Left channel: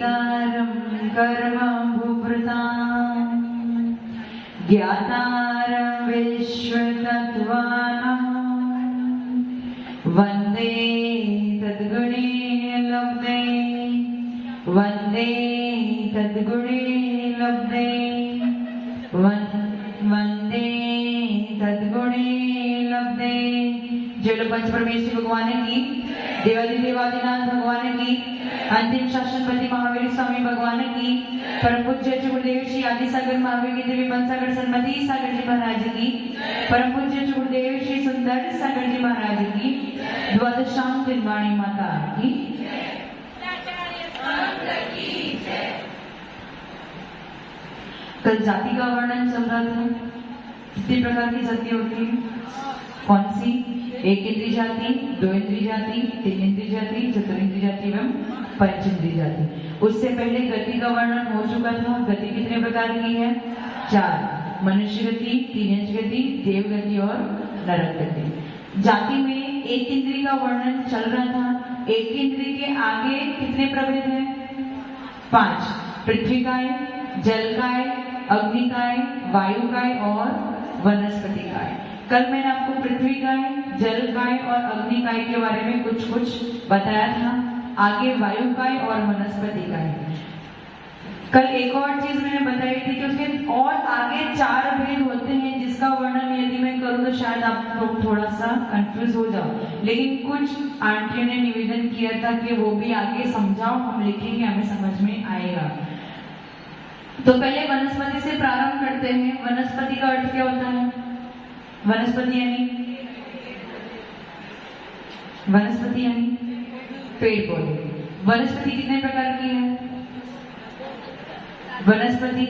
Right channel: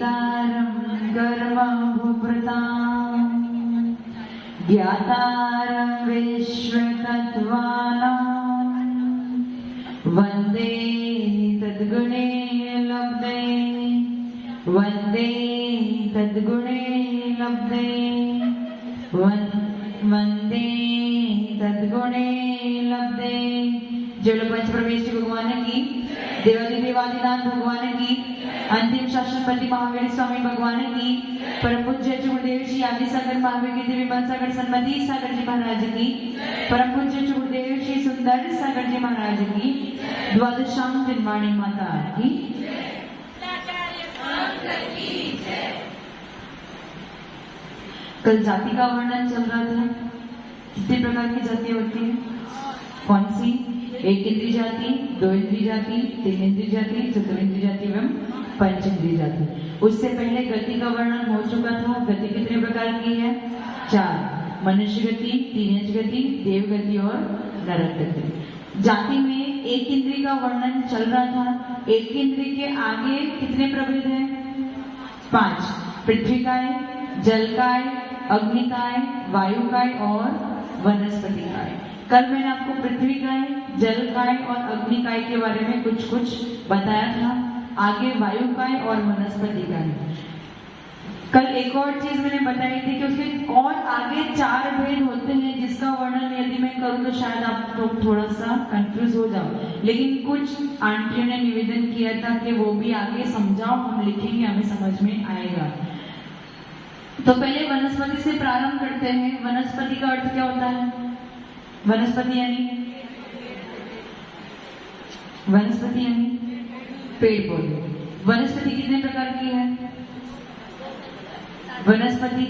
वेतारं कर्मभूभृतां ज्ञातारं विश्वतत्त्वानां वन्दे तद्गुणे लब्धे वन्दे तद्गुणे लब्धे वन्दे तद्गुणे लब्धे। जय पंचपरमेश्वर भगवान की, देवादिदेवादिनाथ भगवान की, अंतिम शासनपति महावीर स्वामी भगवान की, परम पूज्य गुरुदेव श्री आदि सागर महावीर के दिव्य सागर सन्मति सागर जी महाराज की, परम पूज्य गुरुदेव श्री सुंदर सागर जी महाराज की, द्वादशाम दिनवाणी माता की। कल जाति का वर्णन चल रहा था। कितने प्रकार की जातियां होती है? कौन सी? एक इंद्रिय जाति, दो इंद्रिय जाति, तीन इंद्रिय जाति, चतुर्इंद्रिय जाति एवं पंचेंद्रिय जाति। उससे पहले गति का वर्णन हो चुका था। गति कितने प्रकार की है? 4। मनुष्य गति, तीन गति, देव गति और नरक गति। जाति में एक इंद्रिय का वर्णन चल रहा था। एक इंद्रिय के आगे कितने प्रभेद हैं? 5। पृथ्वी काय, जल काय, अग्नि काय, वायु काय और वनस्पति काय। कल मैंने आपको पृथ्वी काय, जल काय और अग्नि काय के बारे में कुछ बताया था। आगे वायु काय और वनस्पति काय। कल एक और चीज मैंने बताई थी कि उसके और आगे 4 भेद होते हैं, जिसका वर्णन यदि मैं करूं तो शायद आप लोग थोड़ा सा कंफ्यूज हो जाओ, लेकिन कुछ आंटियों ने निवेदन किया था कि वो भी आगे समझाओ, हम लिखेंगे, हमें समझ में आएगा। तो पहले वनस्पति से प्रारंभ करते हैं। वनस्पति का अर्थ क्या होता है? वनस्पति यानी पेड़ पौधे। वनस्पति कितने प्रकार की है? वनस्पति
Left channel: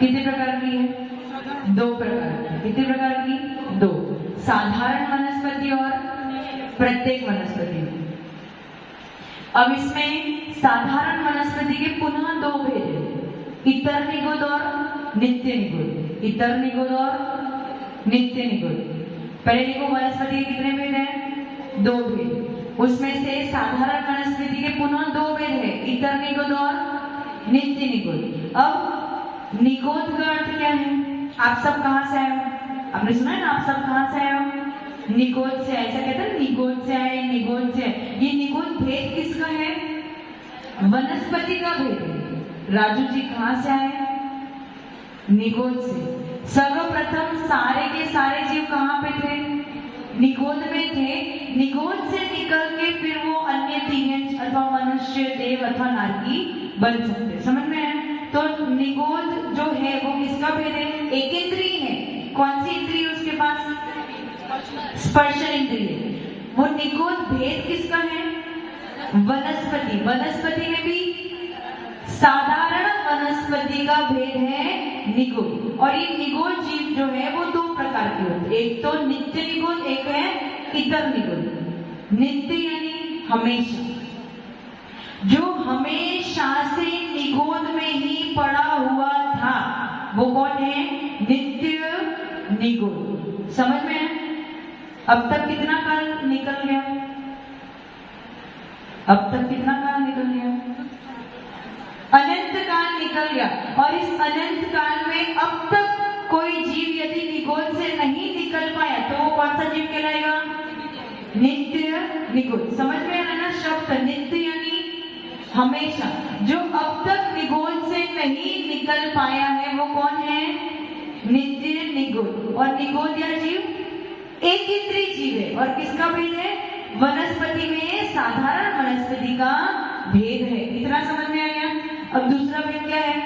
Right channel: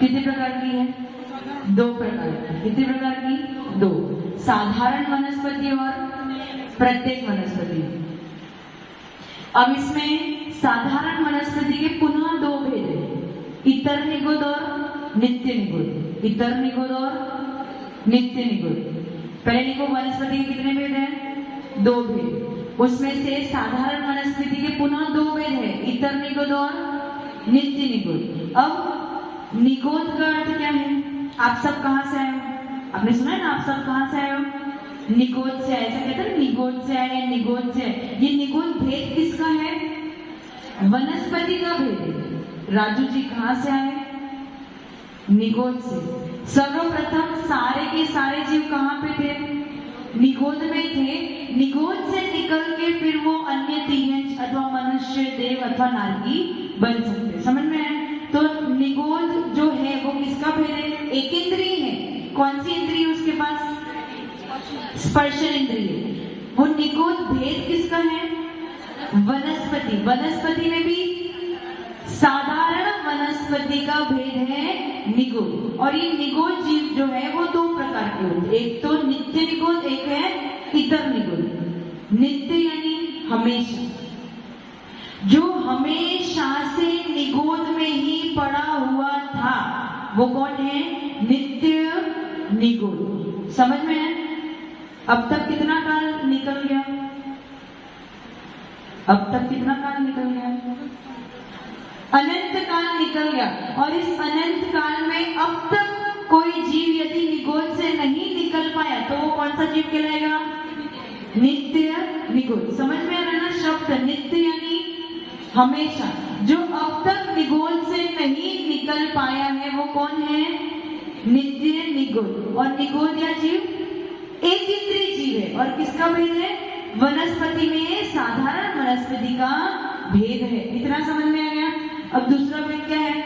कितने प्रकार की है? 2 प्रकार की। कितने प्रकार की? 2। साधारण वनस्पति और प्रत्येक वनस्पति। अब इसमें साधारण वनस्पति के पुनः 2 भेद हैं, इतर निगुण और नित्य निगुण। इतर निगुण और नित्य निगुण। पहले निगुण वनस्पति के कितने भेद हैं? 2 भेद। उसमें से साधारण वनस्पति के पुनः 2 भेद है, इतर निगुण और नित्य निगुण। अब निगोद का अर्थ क्या है? आप सब कहां से आए हो? आपने सुना है ना, आप सब कहां से आए हो? निगोद से। ऐसा कहते हैं निगोद से आए, निगोद से। ये निगोद भेद किसका है? वनस्पति का भेद है। राजू जी कहां से आए? निगोद से। सर्वप्रथम सारे के सारे जीव कहां पे थे? निगोद में थे। निगोद से निकल के फिर वो अन्य तिहंज अथवा मनुष्य, देव अथवा नारकी बन सकते। समझ में आया? तो निगोद जो है वो किसका भेद है? एक इंद्रिय है। कौन सी इंद्रिय उसके पास? स्पर्श इंद्रिय। वो निगोद भेद किसका है? वनस्पति। वनस्पति में भी साधारण वनस्पति का भेद है निगोद। और ये निगोद जीव जो है वो 2 प्रकार के होते हैं, एक तो नित्य निगोद, एक है इतर निगोद। नित्य यानी हमेशा, जो हमेशा से निगोद में ही पड़ा हुआ था, वो कौन है? नित्य निगोद। समझ में? अब तक कितना काल निकल गया? अनंत काल निकल गया। और इस अनंत काल में अब तक कोई जीव यदि निगोद से नहीं निकल पाया तो वो कौन सा जीव कहलाएगा? नित्य निगोद। समझ में आया ना शब्द? नित्य यानी हमेशा। जो अब तक निगोद से नहीं निकल पाया है वो कौन है? नित्य निगोद। और निगोद या जीव एक इंद्रिय जीव है। और किसका भेद है? वनस्पति में साधारण वनस्पति का भेद है। इतना समझ में आ गया? अब दूसरा भेद क्या है?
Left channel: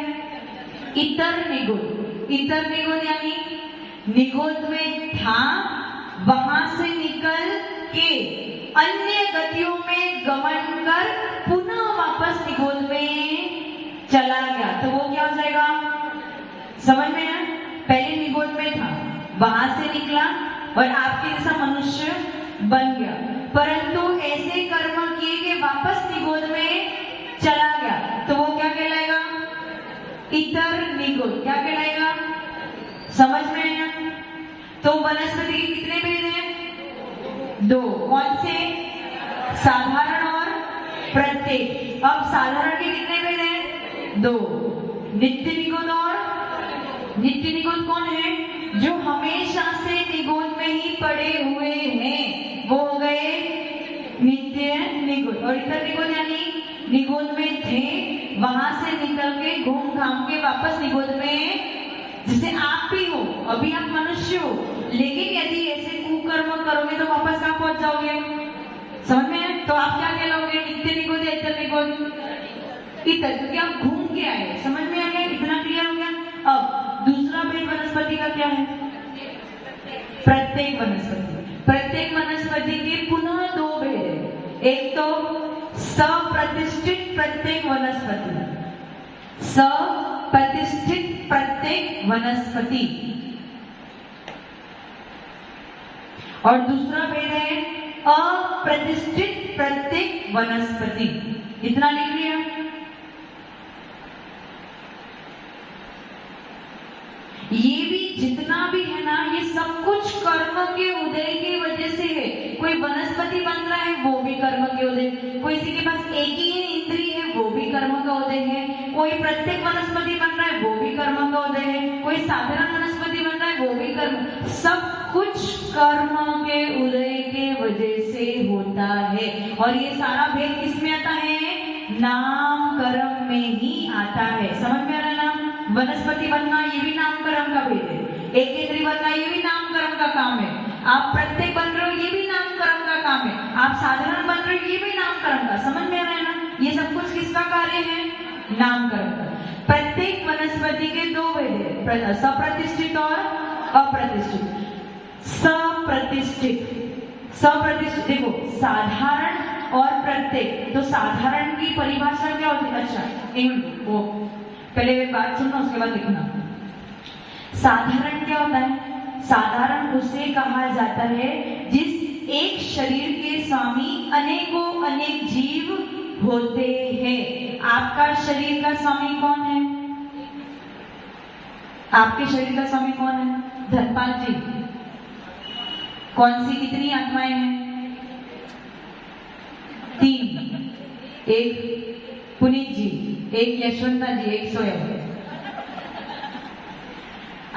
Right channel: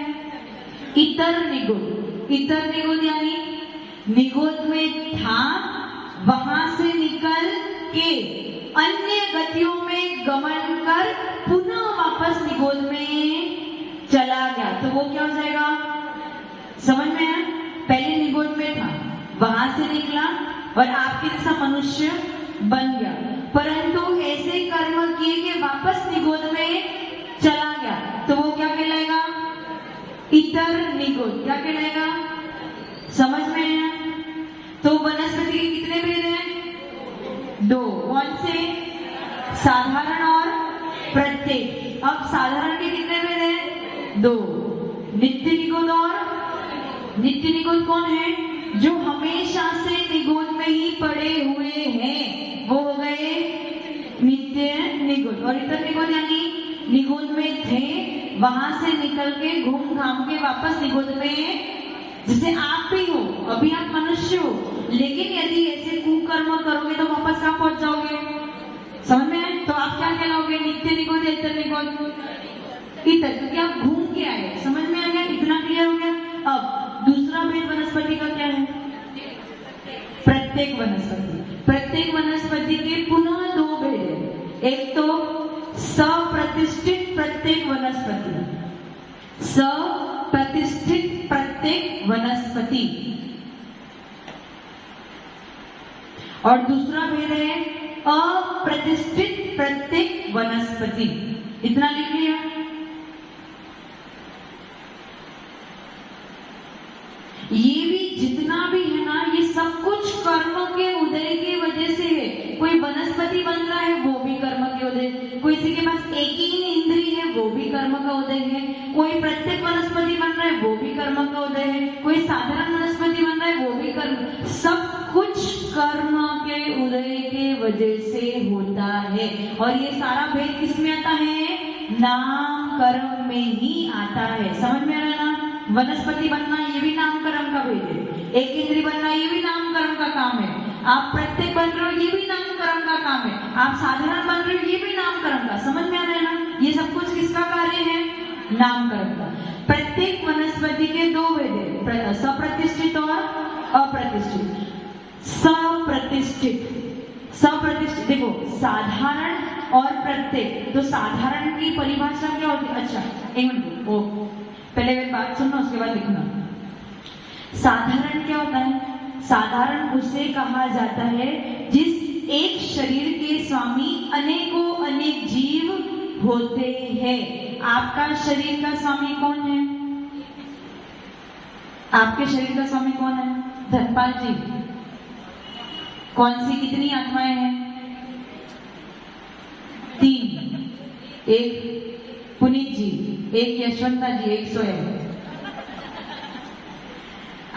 इतर निगोद। इतर निगोद यानी निगोद में था, वहां से निकल के अन्य गतियों में गमन कर पुनः वापस निगोद में चला गया, तो वो क्या हो जाएगा? समझ में आया? पहले निगोद में था, वहां से निकला और आपके जैसा मनुष्य बन गया, परंतु ऐसे कर्म किए कि वापस निगोद में चला गया, तो वो क्या कहलाएगा? इतर निगोद। क्या कहलाएगा? समझ में आया? तो वनस्पति के कितने भेद हैं? 2। कौन से? साधारण और प्रत्येक। अब साधारण के कितने दो। नित्य निगुण और नित्य निगुण कौन है? जो हमेशा से निगुण में ही पड़े हुए हैं, वो हो गए नित्य निगुण। और इतर निगुण यानी निगुण में थे, वहां से निकल के घूम घाम के वापस निगुण में, जैसे आप भी हो, अभी आप मनुष्य हो, लेकिन यदि ऐसे कुकर्म करोगे तो वापस कहाँ पहुंच जाओगे? समझ में आए? तो आप क्या कहलाओगे? नित्य निगुण, इतर निगुण, इतर, क्योंकि आप घूम के आए। समझ में आ गया? इतना क्लियर हो गया। अब दूसरा भेद वनस्पति का क्या है? प्रत्येक वनस्पति। प्रत्येक वनस्पति के पुनः दो भेद है। एक तो सप्रतिष्ठित प्रत्येक वनस्पति, सप्रतिष्ठित प्रत्येक वनस्पति, और दूसरा भेद है अप्रतिष्ठित प्रत्येक वनस्पति। इतना लिख लिया। ये भी जितना भी है ना, ये सब कुछ कर्म के उदय की वजह से है। कोई वनस्पति बन रहा है, वो भी कर्म के उदय। कोई किसी के पास एक ही इंद्रिय है, वो भी कर्म का उदय है। कोई प्रत्येक वनस्पति बन रहा है, वो भी कर्म का उदय है। कोई साधारण वनस्पति बन रहा है, वो भी कर्म। सब कुछ कर्म के उदय के वजह से होता है। और ये सारा भेद किसमें आता है? नाम कर्म में ही आता है। समझ में आ रहा ना? वनस्पति बनना ये भी नाम कर्म का भेद है। एक इंद्रिय बनना ये भी नाम कर्म का काम है। आप प्रत्येक बन रहे हो, ये भी नाम कर्म का काम है। आप साधारण बन रहे हो, ये भी नाम कर्म का। समझ में आ रहा है ना? ये सब कुछ किसका कार्य है? नाम कर्म का। प्रत्येक वनस्पति के दो भेद है, सप्रतिष्ठित और अप्रतिष्ठित। सप्रतिष्ठित, सप्रतिष्ठित देखो, साधारण और प्रत्येक। तो साधारण की परिभाषा क्या होती है? अच्छा, वो पहले बात सुनना, उसके बाद लिखना। साधारण क्या होता है? साधारण उसे कहा जाता है जिस एक शरीर के स्वामी अनेकों अनेक जीव होते हैं। आपका शरीर का स्वामी कौन है? आपके शरीर का स्वामी कौन है? धनपाल जी। कौन सी कितनी आत्माएं हैं? 3। एक पुनीत जी, एक यशवंता जी, एक स्वयं।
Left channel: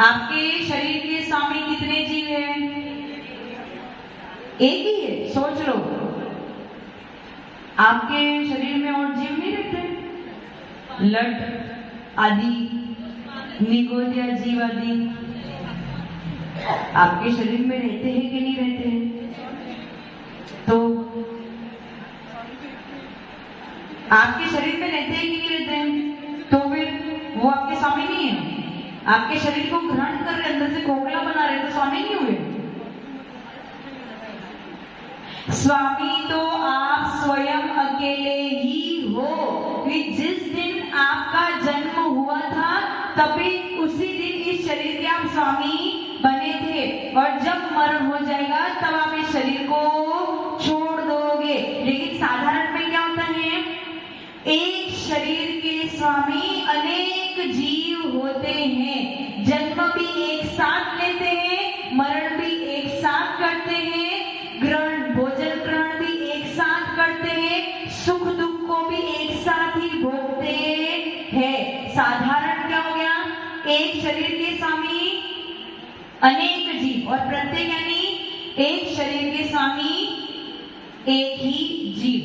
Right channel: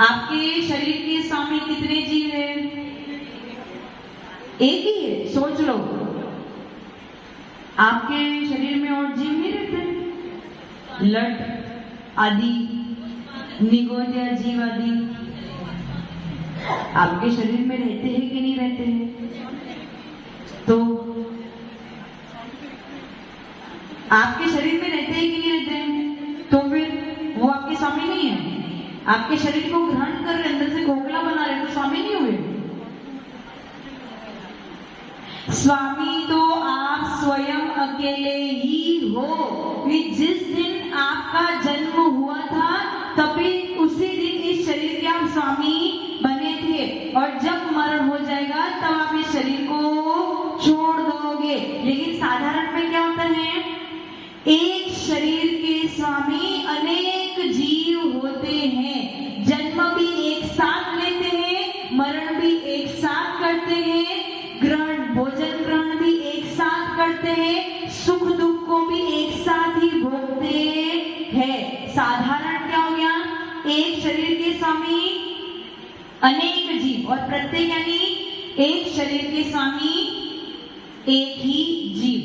आपके शरीर के स्वामी कितने जीव हैं? एक ही है, सोच लो। आपके शरीर में और जीव नहीं रहते? लट आदि, निगोदिया जीव आदि आपके शरीर में रहते हैं कि नहीं रहते हैं? तो आपके शरीर में रहते हैं कि नहीं रहते हैं? तो फिर वो आपके स्वामी नहीं है। आपके शरीर को ग्रहण कर रहे, अंदर से खोखला बना रहे, तो स्वामी नहीं हुए। स्वामी तो आप स्वयं अकेले ही हो। जिस दिन आपका जन्म हुआ था, तभी उसी दिन इस शरीर के आप स्वामी बने थे। और जब मरण हो जाएगा, तब आप इस शरीर को छोड़ दोगे। लेकिन साधारण में क्या होता है? एक शरीर के स्वामी अनेक जीव होते हैं। जन्म भी एक साथ लेते हैं, मरण भी एक साथ करते हैं, ग्रहण भोजन ग्रहण भी एक साथ करते हैं, सुख दुख को भी एक साथ ही भोगते हैं। साधारण क्या हो गया? एक शरीर के स्वामी अनेक जीव, और प्रत्येक यानी एक शरीर के स्वामी एक ही जीव।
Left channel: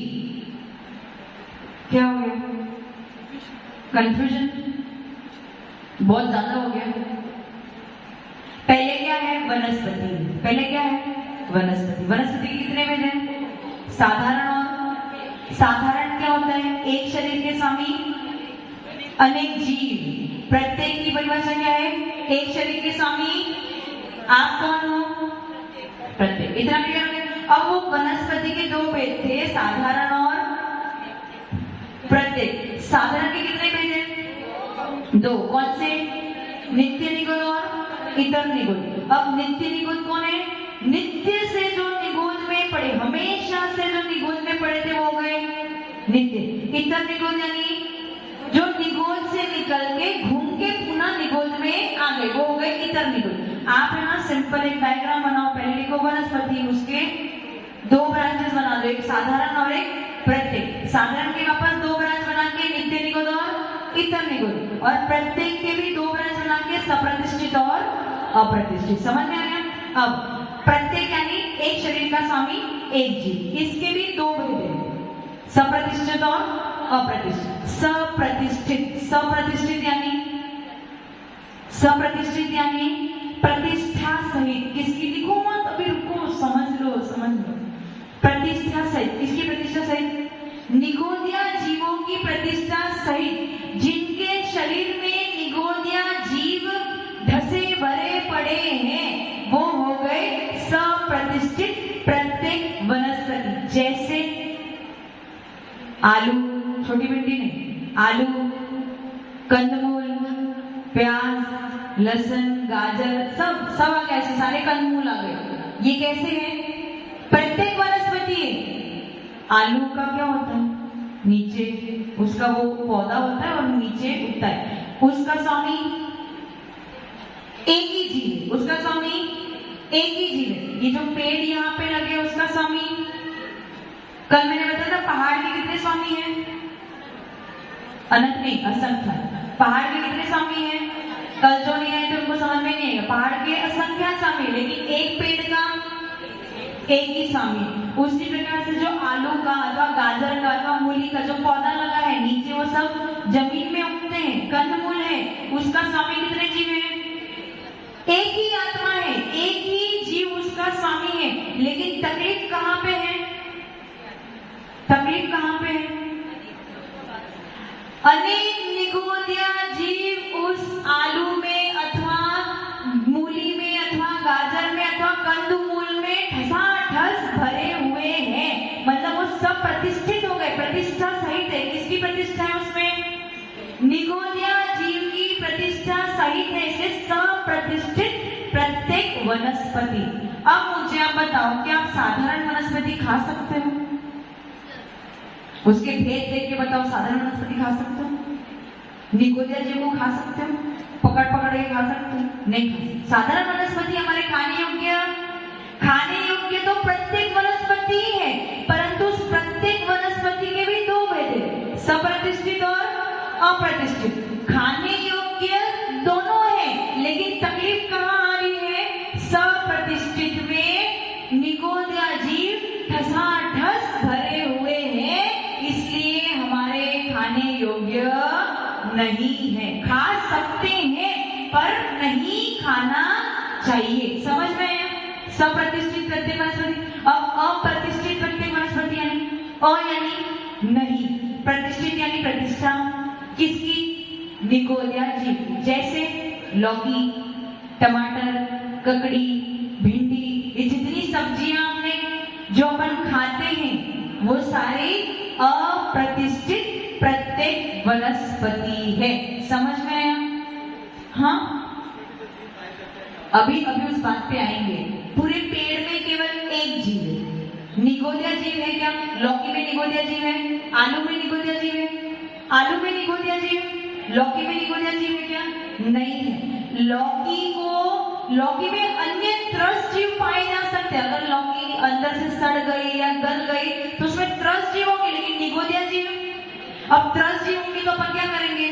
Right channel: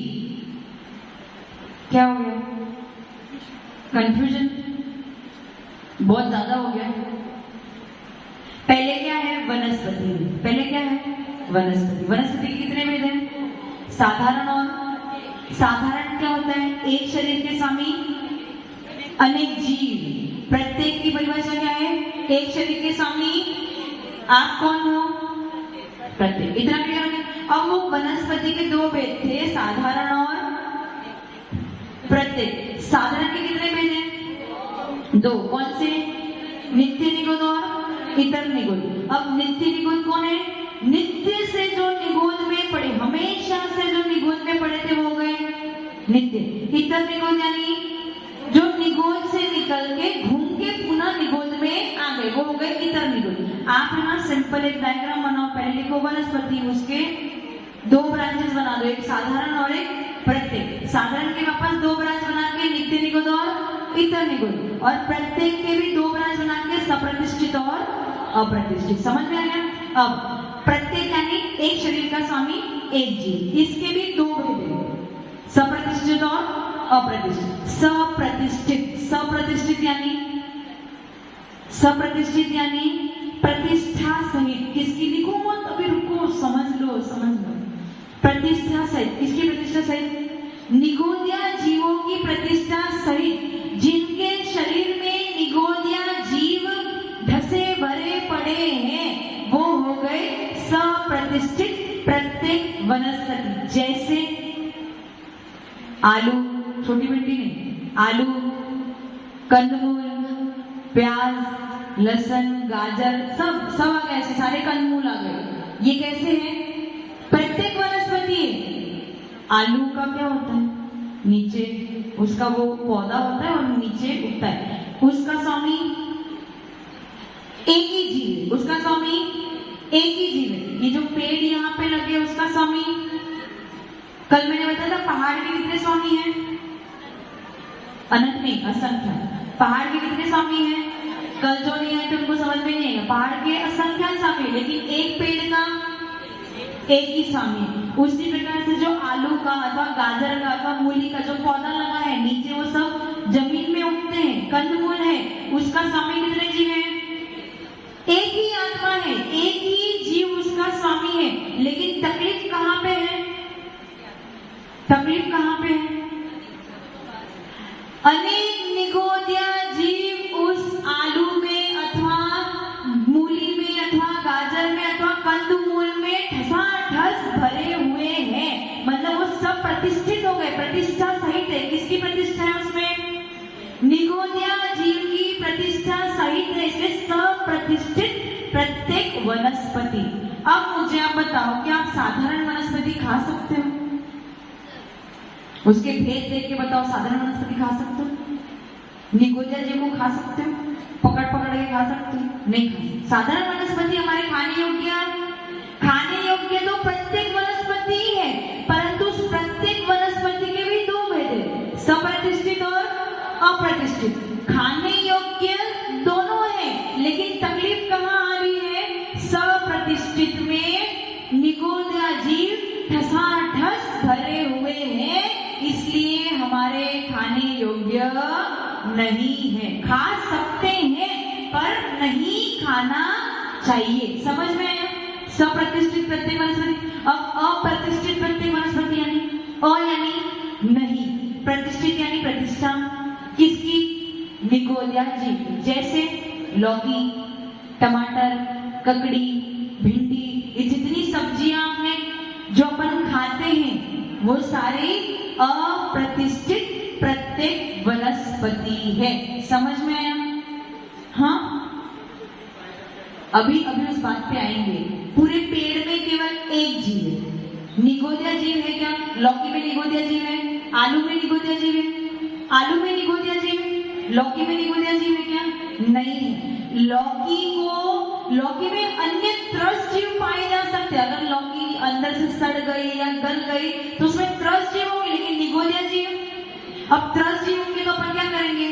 क्या हो गया? कंफ्यूजन बहुत ज्यादा हो गया। पहले क्या है? वनस्पति। पहले क्या है? वनस्पति। वनस्पति कितने भेद हैं? साधारण और साधारण क्या होता है? एक शरीर के स्वामी अनेक जीव। प्रत्येक की परिभाषा क्या है? एक शरीर के स्वामी आप कौन हो? प्रत्येक। इतना क्लियर है? अब वो वनस्पति के दो भेद थे, साधारण और प्रत्येक। साधारण के कितने भेद हैं? दो। कौन से? नित्य निगुण और इतर निगुण। अब नित्य निगुण कौन है? नित्य से जो निगुण में पड़े, हमेशा से जो निगुण में पड़े थे, वो गए नित्य। इतर निगुण यानी जो निगुण से निकल के घूम के पुनः निगुण में आ गए, वो हो गए इतर निगुण। आप यहाँ सिंपल एक डायग्राम बनाओ। पहले को वनस्पति, उसके दो ब्रांचेस बना दो, एक साधारण और एक प्रत्येक। साधारण के वापस दो ब्रांच बना के नित्य निगुण और इतर निगुण। अप्रतिष्ठित। समझ में आया? अब प्रत्येक यानी एक शरीर का स्वामी एक जीव, इसके भी दो भेद हैं, सप्रतिष्ठित और अप्रतिष्ठित। सप्रतिष्ठित यानी प्रतिष्ठा सहित, किसकी लिखो मत, अभी रुको, समझ लो। प्रतिष्ठा सहित, किसकी प्रतिष्ठा सहित? निगोदिया जीवों की प्रतिष्ठा सहित, जिनके शरीर में निगोदिया जीव ढसे भरे पड़े हैं, वो हो गए सप्रतिष्ठित प्रत्येक वनस्पति। जैसे आलू, छोटी भिंडी नहीं, आलू, कंदमूल, प्याज, लहसुन, गाजर, सब आ गए, ऐसे सारे कंदमूल आ गए। ये कैसे है? प्रत्येक वनस्पति है। आलू का क्या होता है? नीचे उसका वो पौधा होता है और नीचे उगता है, उसका स्वामी एक ही जीव है, उसका स्वामी एक ही जीव है। ये जो पेड़ यहाँ पे लगे उसका स्वामी, कल मैंने बताया था पहाड़ के कितने स्वामी हैं? अनंत नहीं, असंख्य। पहाड़ के कितने स्वामी हैं? कल जो नहीं आए थे उनको समझ में नहीं आएगा। पहाड़ के असंख्य स्वामी, लेकिन एक पेड़ का एक ही स्वामी। उसी प्रकार से जो आलू का अथवा गाजर का अथवा मूली का जो पौधा लगा है, नीचे वो सब जमीन में उगते हैं, कंदमूल है, उसका स्वामी कितने जीव है? एक ही आत्मा है, एक ही जीव उसका स्वामी है। लेकिन तकलीफ कहाँ पे है? तकलीफ कहाँ पे है? अनेक निगोदिया जीव उस आलू में अथवा मूली में अथवा गाजर में अथवा कंदमूल में ठसाठस भरे हुए हैं, मतलब वो सब प्रतिष्ठित हो गए, प्रतिष्ठा सहित है। किसकी प्रतिष्ठा है उसमें? निगोदिया जीव की प्रतिष्ठा सहित है, इसलिए सप्रतिष्ठित प्रत्येक वनस्पति। अब मुझे आप बताओ कि आप साधारण वनस्पति खा सकते हो? उसके भेद देख के बताओ, साधारण वनस्पति खा सकते हो? निगोदिया जीव को खा सकते हो? पकड़ के खा सकते हो? नहीं खा सकते। साधारण वनस्पति हमारे खाने योग्य तो प्रत्येक वनस्पति ही है, परंतु उस प्रत्येक वनस्पति के भी दो भेद है, सप्रतिष्ठित और अप्रतिष्ठित। खाने योग्य दोनों है, लेकिन तकलीफ कहाँ आ रही है? सप्रतिष्ठित में निगोदिया जीव ठसाठस भरे हुए हैं, इसलिए हमारे खाने योग्य नहीं है। खा सकते हैं पर नहीं खाना चाहिए। समझ में आया? सप्रतिष्ठित प्रत्येक वनस्पति। अब अप्रतिष्ठित प्रत्येक वनस्पति यानी नहीं, प्रतिष्ठित यानी प्रतिष्ठा किसकी? निगोदिया जीव। जैसे लौकी, टमाटर, ककड़ी, भिंडी, ये जितनी सब्जियां हमने जो अपन खाते हैं वो सारी अप्रतिष्ठित प्रत्येक वनस्पति है। समझ में आया? हाँ, अभी उस बात पे आएंगे। पूरे पेड़ में केवल एक जीव है, निगोदिया जीव है क्या? लौकी में निगोदिया जीव है, आलू में निगोदिया जीव है, आलू में निगोदिया जीव है, लौकी में निगोदिया जीव है क्या? नहीं है। लौकी में अन्य त्रस्त जीव पाए जा सकते हैं। अगर लौकी अंदर से सड़ गई या गल गई तो उसमें त्रस्त जीव होंगे, लेकिन निगोदिया जीव। अब त्रस्त जीव होंगे तो अपन क्या करेंगे?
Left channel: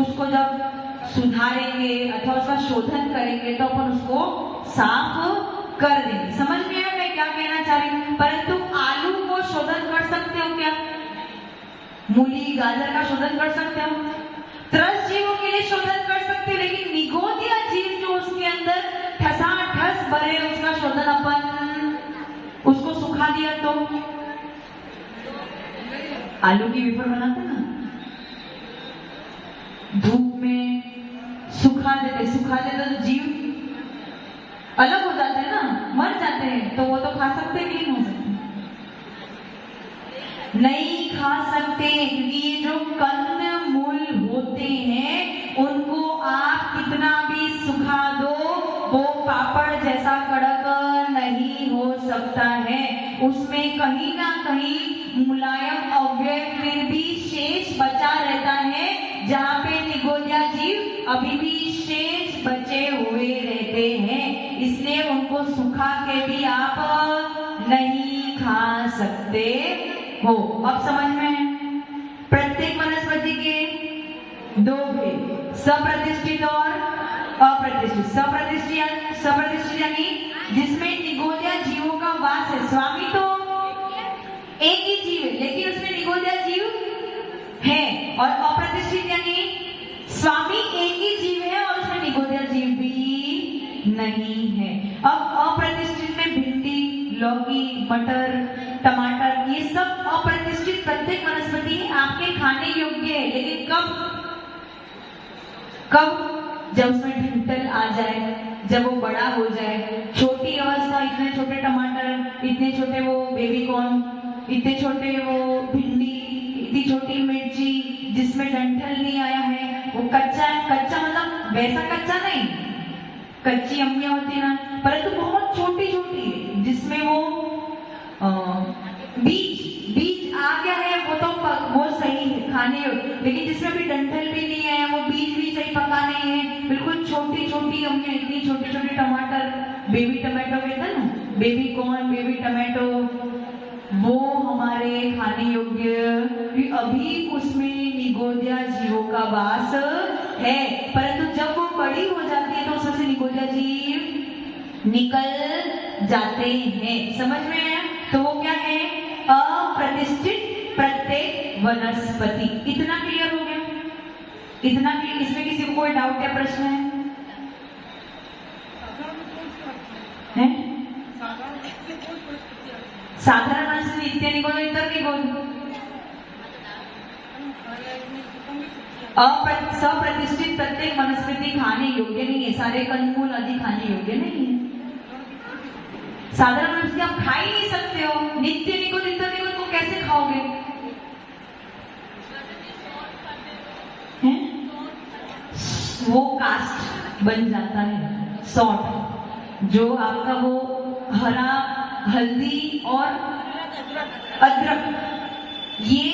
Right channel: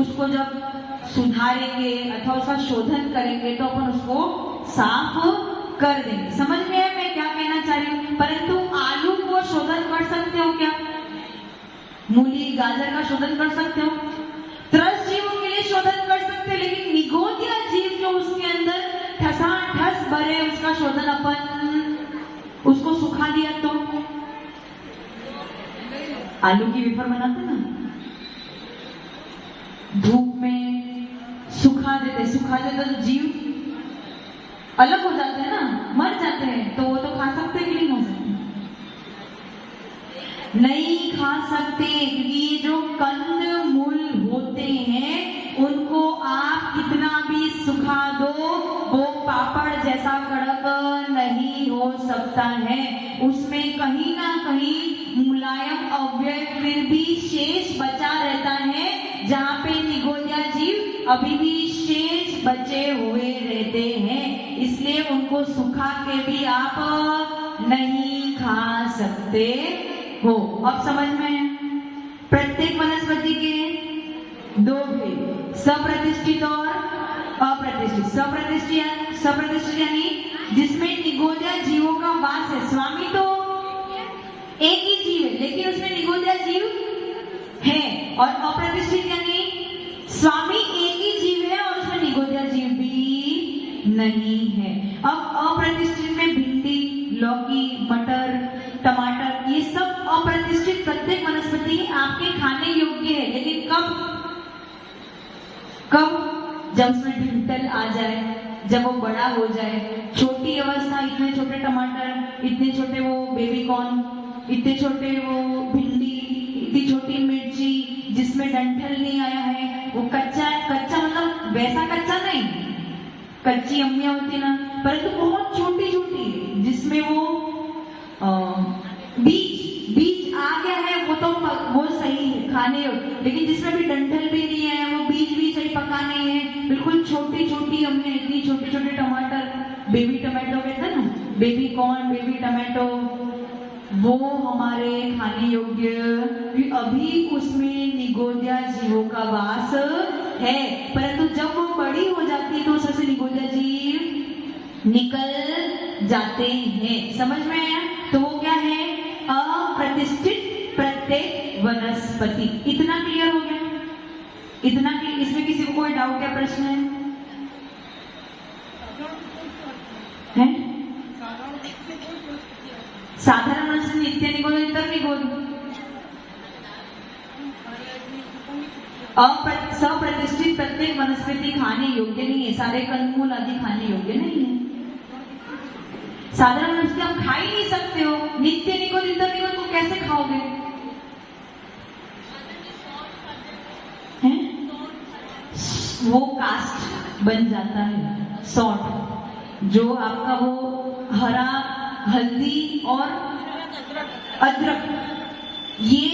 उसको जब सुधारेंगे अथवा उसका शोधन करेंगे तो अपन उसको साफ कर देंगे। समझ में आया मैं क्या कहना चाह रही हूँ? परंतु आलू को शोधन कर सकते हो क्या? मूली, गाजर का शोधन कर सकते हो? त्रस्त जीवों के लिए शोधन कर सकते हो, लेकिन निगोदिया जीव जो उसके अंदर ठसाठस भरे, उसका शोधन अपन उसको सुखा दिया तो आलू की वेफर बनाते ना, धूप में सुखा देते तो जीव अलग हो जाते हैं ना, मर जाते हैं, तो वो तो खा सकते हैं कि नहीं हो सकते? नहीं खा सकते, क्योंकि ये जो कंदमूल होते हैं उनको आप कितना भी सुखा दो वो पापड़ जैसा कड़क नहीं हो सकता है। उसमें कहीं ना कहीं मुलायम अवयव फिर भी शेष बचा रहता है, जहाँ पे निगोदिया जीव अभी भी शेष बचे हुए रहते हैं, इसलिए उनको सुखा के भी आप नहीं खा सकते हो। अब समझ में? प्रत्येक वनस्पति के दो भेद, सप्रतिष्ठित और अप्रतिष्ठित। सप्रतिष्ठित यानी जिसमें निगोदिया जीवों का वास है। स्वामी तो एक ही जीव है लेकिन उसमें निगोदिया जीव है। और अप्रतिष्ठित यानी स्वामी एक ही जीव है और उसमें निगोदिया जीव भी नहीं है। अब अप्रतिष्ठित में भिंडी, लौकी, मटर, टमाटर ये सब अप्रतिष्ठित प्रत्येक वनस्पति आपके खाने योग्य है। लेकिन कब? जब उसमें ढिंटल आ जाए, जब वो बड़ा हो जाए। छोटी अवस्था, इतने छोटे टमाटर, इतने छोटे वो बेबी कॉर्न, इतने छोटे वो भिंडी, इतनी छोटी मिर्ची जिसमें डंठल नहीं आया है, वो कच्चा मतलब वैसा कच्चा नहीं, कच्ची अम्मियां होती ना, परंतु बहुत छोटी छोटी जिसमें वो बीज आ गया है, वो सही है खाने। लेकिन जिसमें भी डंठल भी नहीं है, वो बीज भी सही पका नहीं है, बिल्कुल छोटी छोटी अम्मियां, इतनी छोटे छोटे टमाटर, बेबी टमाटो कहते हैं ना, बेबी कॉर्न, बेबी टमाटो, वो हमारे खाने योग्य, अभी उसमें निगोदिया जीवों का वास है। परंतु जब वो बड़ी हो जाती है तो उसमें से निगोदिया जीव निकल जाते हैं। समझ में आया? तो वो क्या है? अप्रतिष्ठित प्रत्येक वनस्पति। इतना क्लियर हो गया? इतना क्लियर? इसमें किसी को कोई डाउट या प्रश्न है? साधारण वनस्पति नित्य निगोद, इंटर निगोद। सप्रतिष्ठित प्रत्येक वनस्पति खाने योग्य नहीं है। सारे कंदमूल आदि खाने योग्य नहीं है। साधारण वनस्पति आप खा ही नहीं सकते हो। नित्य निगोद, इंटर निगोद को कैसे खाओगे? वो कास्ट बन जाता है, सॉल्ट, जो आपका वो हरा हल्दी और अदरक, ये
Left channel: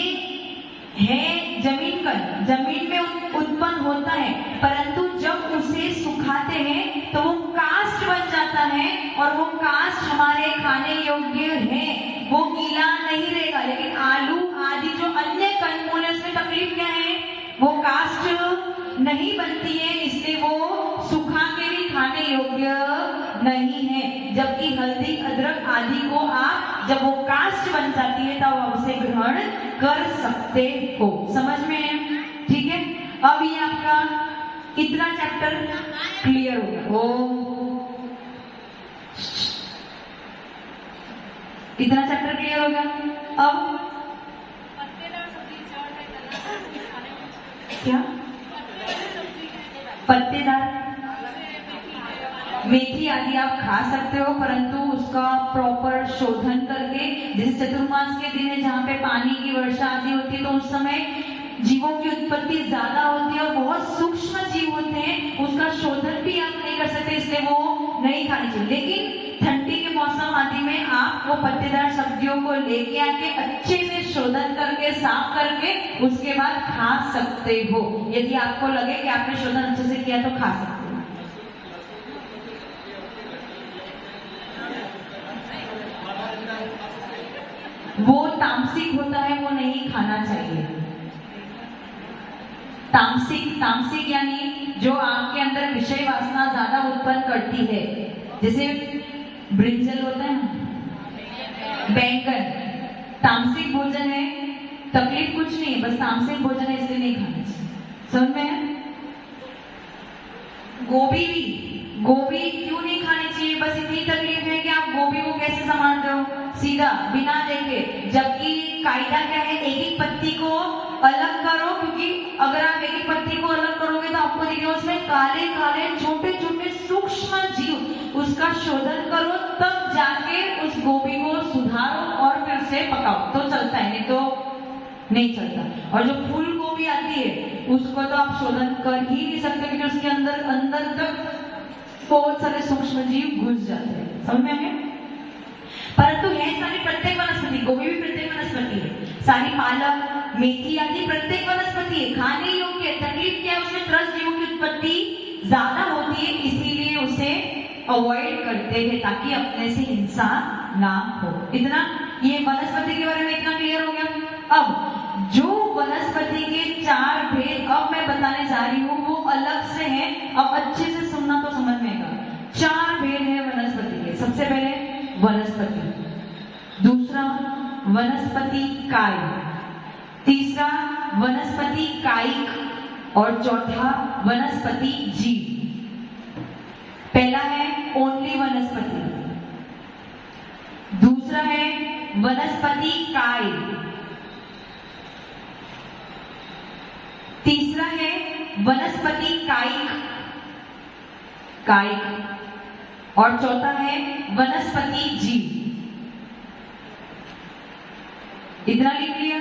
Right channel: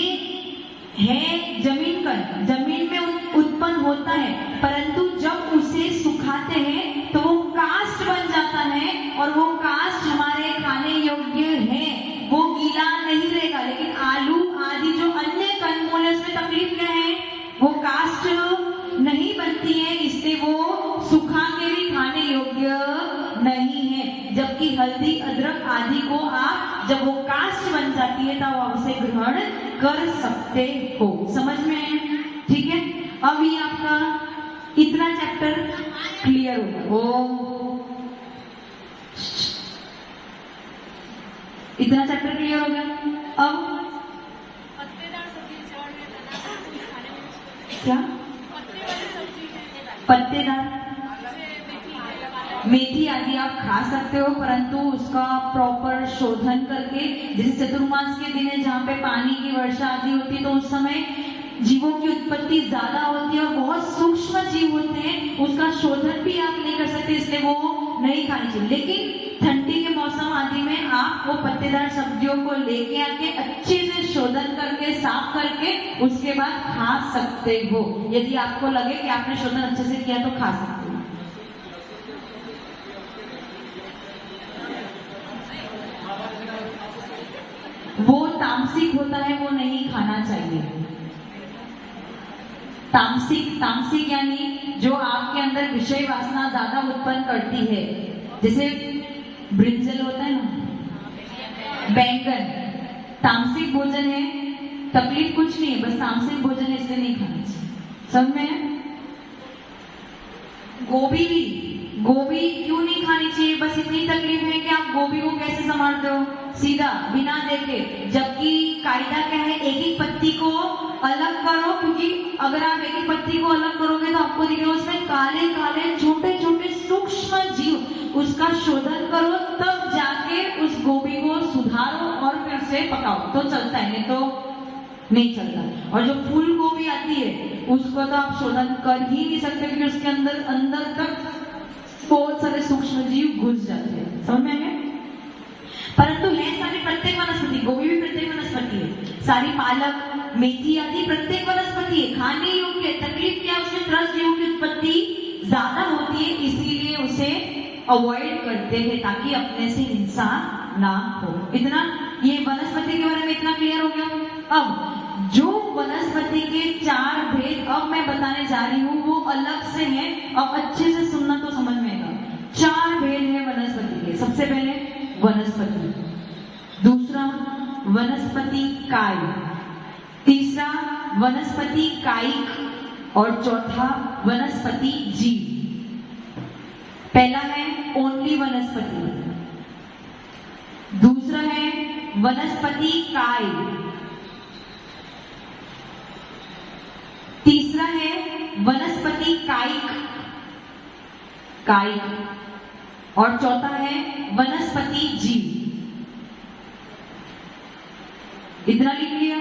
है जमीन में उत्पन्न होता है। परंतु जब उसे सुखाते हैं तो वो कास्ट बन जाता है और वो कास्ट हमारे खाने योग्य है। वो गीला नहीं रहेगा। लेकिन आलू आदि जो अन्य कंदमूल है उसमें तकलीफ क्या है? वो कास्ट नहीं बनती है, इसलिए वो सुखा के भी खाने योग्य नहीं है। जबकि हल्दी, अदरक आदि को आप जब वो कास्ट बन जाती है तब आप उसे ग्रहण कर सकते हो। समझ में है? ठीक है। अब ये आपका इतना चैप्टर क्लियर हो। इतना चैप्टर क्लियर हो गया। अब क्या? पत्तेदार मेथी आदि आप खा सकते हो, परंतु उसका प्रॉपर शोधन करके, जैसे चतुर्मास के दिन है जहाँ पे पानी की वर्षा आदि होती है तो उस समय जीवों की उत्पत्ति ज्यादा होती है और बहुत सूक्ष्म जीव होते हैं, उसका शोधन भी आप नहीं कर सकते, इसलिए वो नहीं खानी चाहिए। लेकिन ठंडी के मौसम आदि में आप वो पत्तेदार सब्जियों को लेके आके अच्छे से शोधन करके, साफ करके उसके बाद खा सकते हो। यदि आपको लगे कि आपने शोधन अच्छे से किया तो खा सकते हो। वो तामसिक होता है, वो नहीं खाना चाहिए। तामसिक यानी जो आपके अंदर विषय वासना ज्यादा उत्पन्न करती है, जैसे ब्रिंजल होता है ना, बैंगन, तामसिक भोजन है, तकलीफ कुछ नहीं है, बस तामसिक भोजन है इसलिए नहीं खाना चाहिए। समझ में? गोभी क्यों नहीं खानी चाहिए? बस इतनी तकलीफ है कि आप गोभी को कैसे संभालते हो? सीधा बिना देखे। जबकि कायदा क्या है? एक ही पत्ती को अलग करो, क्योंकि अगर आप एक ही पत्ती को अलग करोगे तो आपको देखिए उसमें काले काले छोटे छोटे सूक्ष्म जीव, उसका शोधन करो तब जाके उस गोभी को सुधारो और फिर से पकाओ तो चलता है, नहीं तो नहीं चलता। और जो फूल गोभी आती है उसको तो आप शोधन कर ही नहीं सकते, क्योंकि उसके अंदर तक बहुत सारे सूक्ष्म जीव घुस जाते हैं। समझ में आया? परंतु यह सारी प्रत्येक वनस्पति, गोभी भी प्रत्येक वनस्पति है, सारी पालक, मेथी आदि प्रत्येक वनस्पति है, खाने योग्य। तकलीफ क्या? उसमें त्रस्त जीवों की उत्पत्ति ज्यादा होती है, इसीलिए उसे अवॉइड करते हैं ताकि अपने से हिंसा ना हो। इतना ये वनस्पति के बारे में इतना क्लियर हो गया। अब जो वनस्पति के 4 भेद अब मैं बताने जा रही हूँ वो अलग से हैं, अब अच्छे से सुनना तो समझ वनस्पति काय, तीसरा वनस्पति कायिक और चौथा वनस्पति जीव। पहला है ओनली वनस्पति, दूसरा है वनस्पति काय, तीसरा है वनस्पति कायिक और चौथा है वनस्पति जीव। इतना लिख लिया।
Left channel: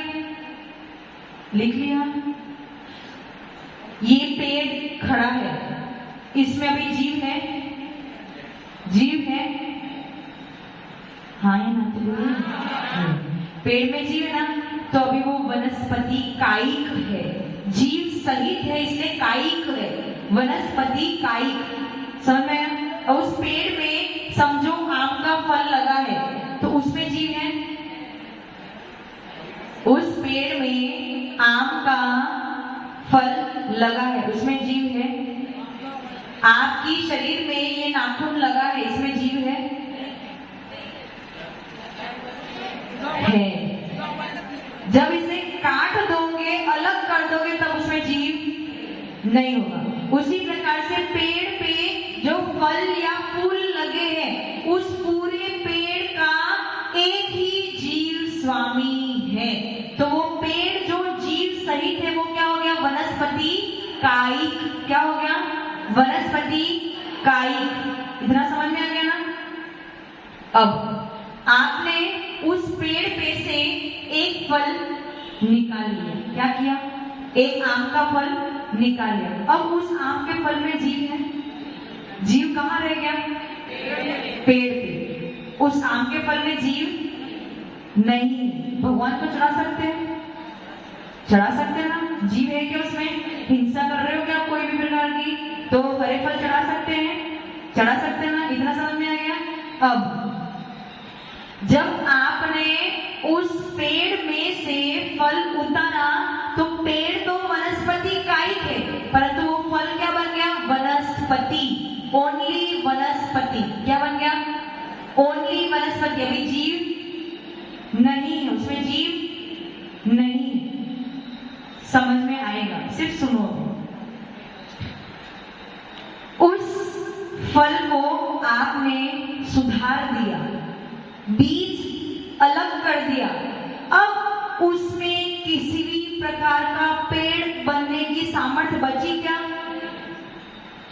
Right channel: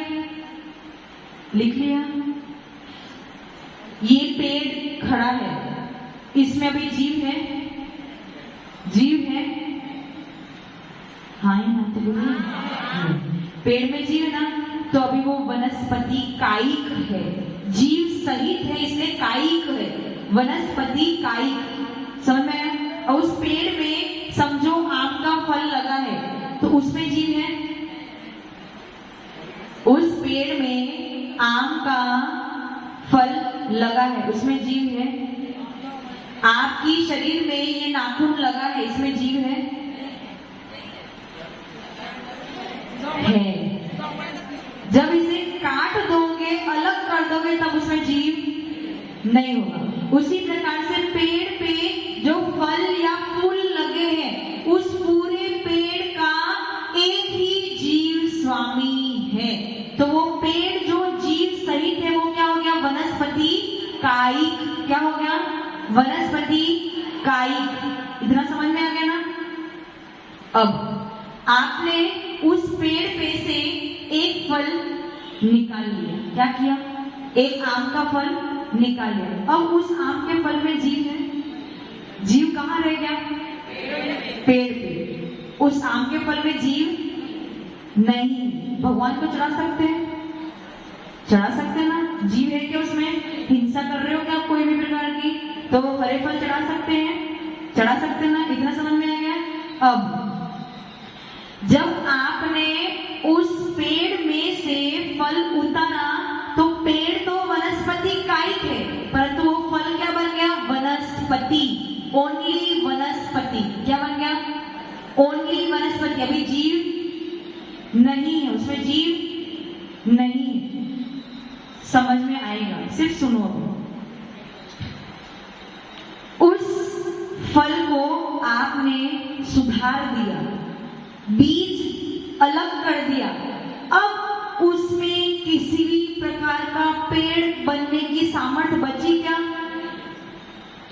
ये पेड़ खड़ा है, इसमें अभी जीव है, हाँ या ना? तो पेड़ में जीव है ना, तो अभी वो वनस्पति कायिक है, जीव सहित है इसलिए कायिक है, वनस्पति कायिक। समझ में? और उस पेड़ में समझो आम का फल लगा है तो उसमें जीव है, उस पेड़ में आम का फल लगा है उसमें जीव है। आपकी शरीर में ये नाखून लगा है, इसमें जीव है। जब इसे काट दोगे, अलग कर दोगे, तब उसमें जीव नहीं होगा। उसी प्रकार से पेड़ पे जो फल या फूल लगे हैं, उस पूरे पेड़ का एक ही जीव स्वामी है। तो वो पेड़ जो जीव सहित है वो क्या हो गया? वनस्पति कायिक। क्या हो गया? वनस्पति कायिक। इतना समझ में आ गया ना? अब आपने उस पेड़ पे से एक फल निकाल लिया। क्या किया? एक आम का फल निकाल लिया। अब उस आम के फल में जीव है। जीव कहाँ रह गया? पेड़ पे। उस आम के फल में जीव नहीं। भगवान को चढ़ा सकते हैं? चढ़ा सकते हैं ना? जीव है क्या उसमें? हिंसा कर रहे हो क्या कोई भी प्रकार की? तो हरे फल चढ़ा सकते हैं? चढ़ा सकते हैं ना? इतना समझ में आ गया? अब जब आपने उस पेड़ में से फल उतारा तो पेड़ तो वनस्पति कायिक है, परंतु वो फल क्या बन गया? वनस्पति। ओनली वनस्पति। क्या बन गया? ओनली वनस्पति। अभी जीव नहीं है, उसमें जीव नहीं है। समझ में आएगा? सिर्फ सुनो। उस फल को आपने सुधार दिया, बीज अलग कर दिया, अब उसमें किसी भी प्रकार का पेड़ बनने की सामर्थ्य बची क्या?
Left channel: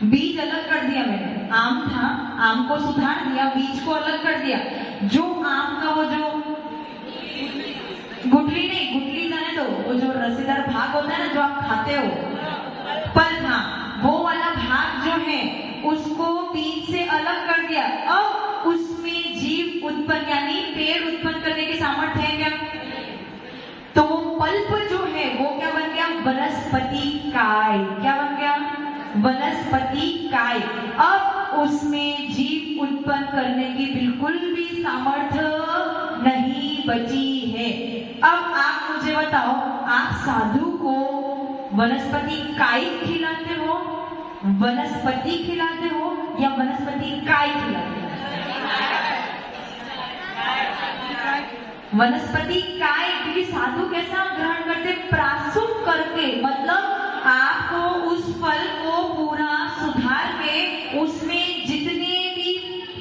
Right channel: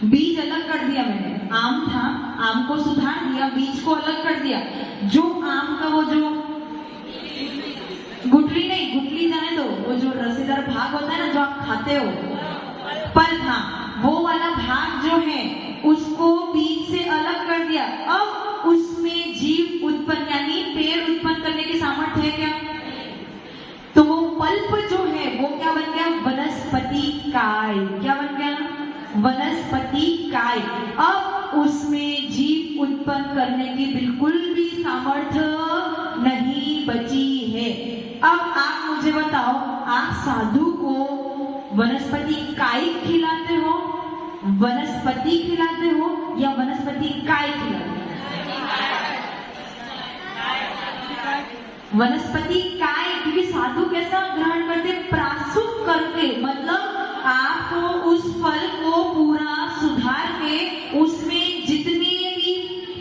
बीज अलग कर दिया मैंने। आम था, आम को सुधार दिया, बीज को अलग कर दिया। जो आम का वो जो गुठली नहीं, गुठली जाने दो, वो जो रसीदार भाग होता है ना जो आप खाते हो, पल था, वो वाला भाग जो है उसको बीज से अलग कर दिया। अब उसमें जीव उत्पन्न यानी पेड़ उत्पन्न करने की सामर्थ्य है क्या? तो वो पल्प जो है वो क्या बन गया? वनस्पति काय। क्या बन गया? वनस्पति काय। अब उसमें जीव उत्पन्न करने की बिल्कुल भी सामर्थ्य नहीं बची है। अब आप मुझे बताओ, आप साधु को वनस्पति कायिक खिलाते हो, वनस्पति खिलाते हो या वनस्पति काय खिलाते हो? वनस्पति काय। क्योंकि साधु कैसा ग्रहण करते? प्रासूप करके, मतलब आपको उस फल को पूरा सुधार के उसमें जितने भी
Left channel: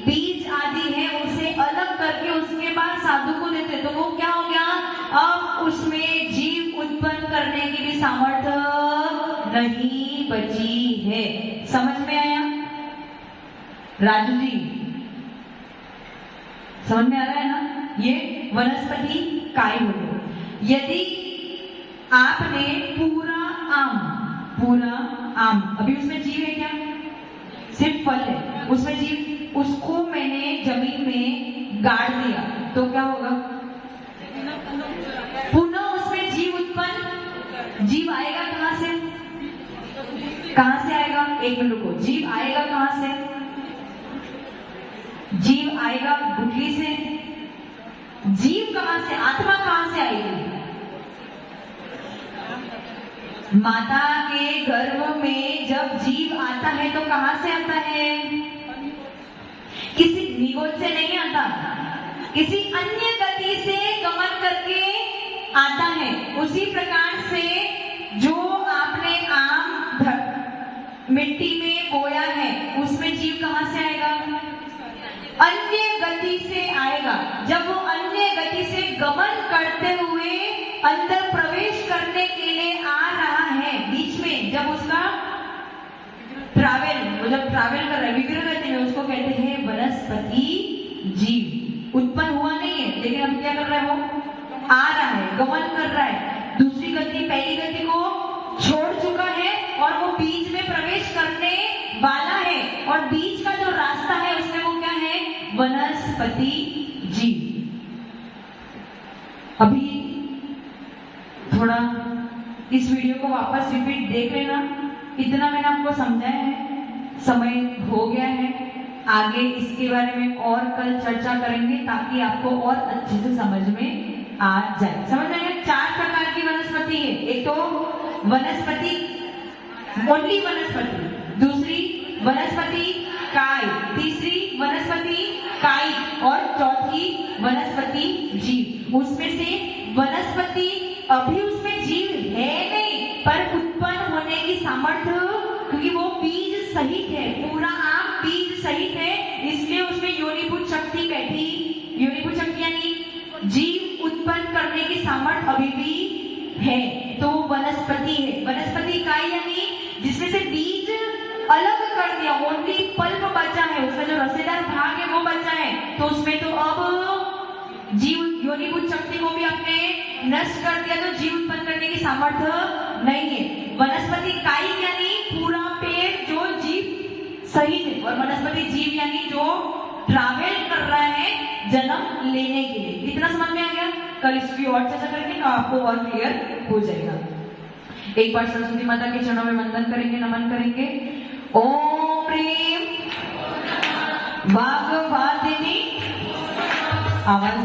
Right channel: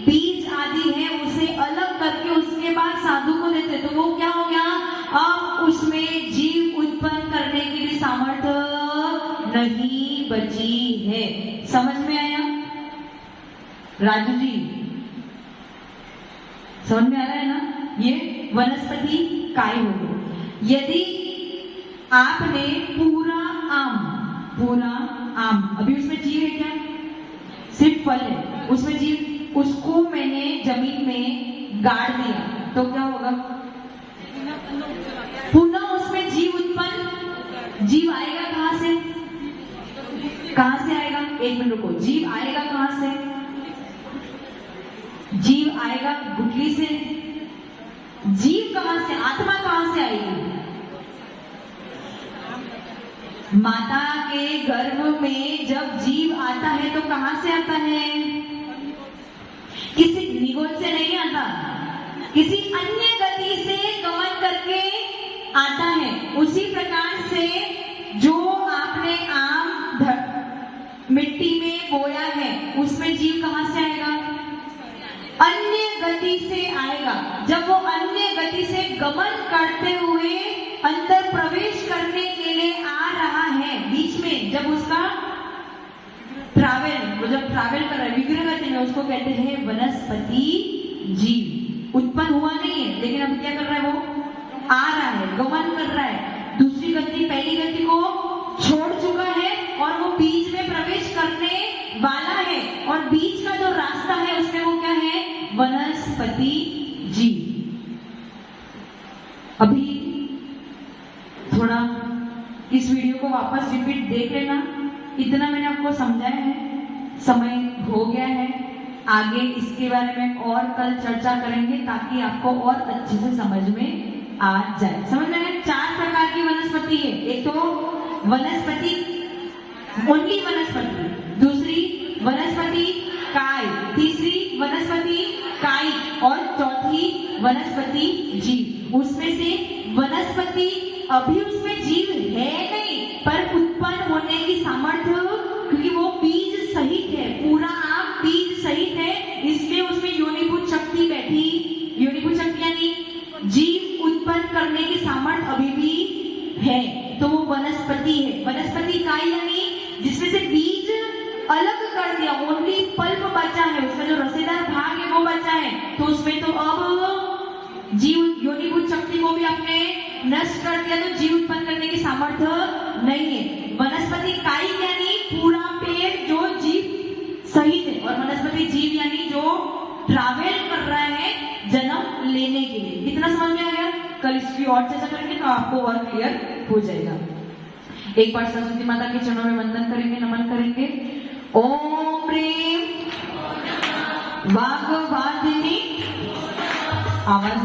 बीज आदि है उसे अलग करके उसके बाद साधु को देते। तो वो क्या हो गया? अब उसमें जीव उत्पन्न करने की भी सामर्थ्य नहीं बची है। समझ में आया? राजू जी समझ में आ रहा है ना? ये वनस्पति काय हो गई। यदि आपने पूरा आम, अभी उसमें जीव है क्या? सिर्फ फल है, उसमें जीव, उसको मैंने जमीन में गाड़ दिया तो क्या होगा? पुनः उसमें जीव उत्पन्न। जीव आएगा कहां से? कहां से आएगा? एक मिनट रुको। जीव आएगा कहां से? जीव आएगा गुठली से। जीव कहां से? आत्मा कहां से आएगी? माता के गर्भ में जब जीव आता है तो कहां से आता है? किसी निगोद से नहीं आता, किसी अन्य गति से गमन करके उसी प्रकार से जो आपने आम मिट्टी में बोया है उसमें जीव कहां से आएगा? अन्य गति से आएगा। जब वो अन्य गति से गमन करते हुए अंदर प्रवेश करने के लिए आ रहा है, बीच में जब उसका जब ट्रैवल कर रहा है विग्रह गति में, उसको कहते हैं वनस्पति जीव। उत्पन्न हुआ नहीं है, लेकिन अब क्या कर रहा है? वो आ रहा है, गमन कर रहा है, दूसरी गति पहली गति को छोड़ चुका है और वो बीच में प्रवेश करने वाला है। और बीच का जो रास्ता है उसमें वो क्या है? वनस्पति जीव। अभी थोड़ा इस वीडियो को वापस रिपीट देख लेना। इतना मैंने आपको समझाया है, समय हो गया है। आगे इसके बारे में और कल चर्चा करेंगे ताकि आपको और अच्छे से समझ में आ जाए। समझ में 4 प्रकार की वनस्पति है। एक तो वनस्पति ओनली वनस्पति, दूसरी वनस्पति काय, तीसरी वनस्पति काई और चौथी वनस्पति जीव। उसमें से वनस्पति अभी उसमें जीव है नहीं, पर उत्पन्न होने की सामर्थ्य, क्योंकि वो बीज सहित है, पूरा आप बीज सहित है, इसलिए उसमें योनिभूत शक्ति बैठी। योनिभूत शक्ति यानी जीव उत्पन्न करने की सामर्थ्य अभी भी है, तो वो वनस्पति है। वनस्पति काय यानी जिसमें से बीज अलग कर दिया, ओनली पल्प बचा है, उसका जो रसेदार भाग है वो बचा है, तो उसमें तो अब जीव योनिभूत शक्ति को भी आपने नष्ट कर दिया, तो जीव उत्पन्न करने की सामर्थ्य नहीं है। वनस्पति काई यानी पूरा पेड़ जो जीव सहित है, और वनस्पति जीव यानी जो ट्रैवल कर रहा है जन्म लेने के लिए। इतना समझ में आ गया? कल इसकी और चर्चा करेंगे तो आपको और क्लियर हो जाएगा। एक बार सरस्वती माता के चरणों में वंदन करेंगे, नमन करेंगे। ओम प्रेम वाग्वादिनी आवाज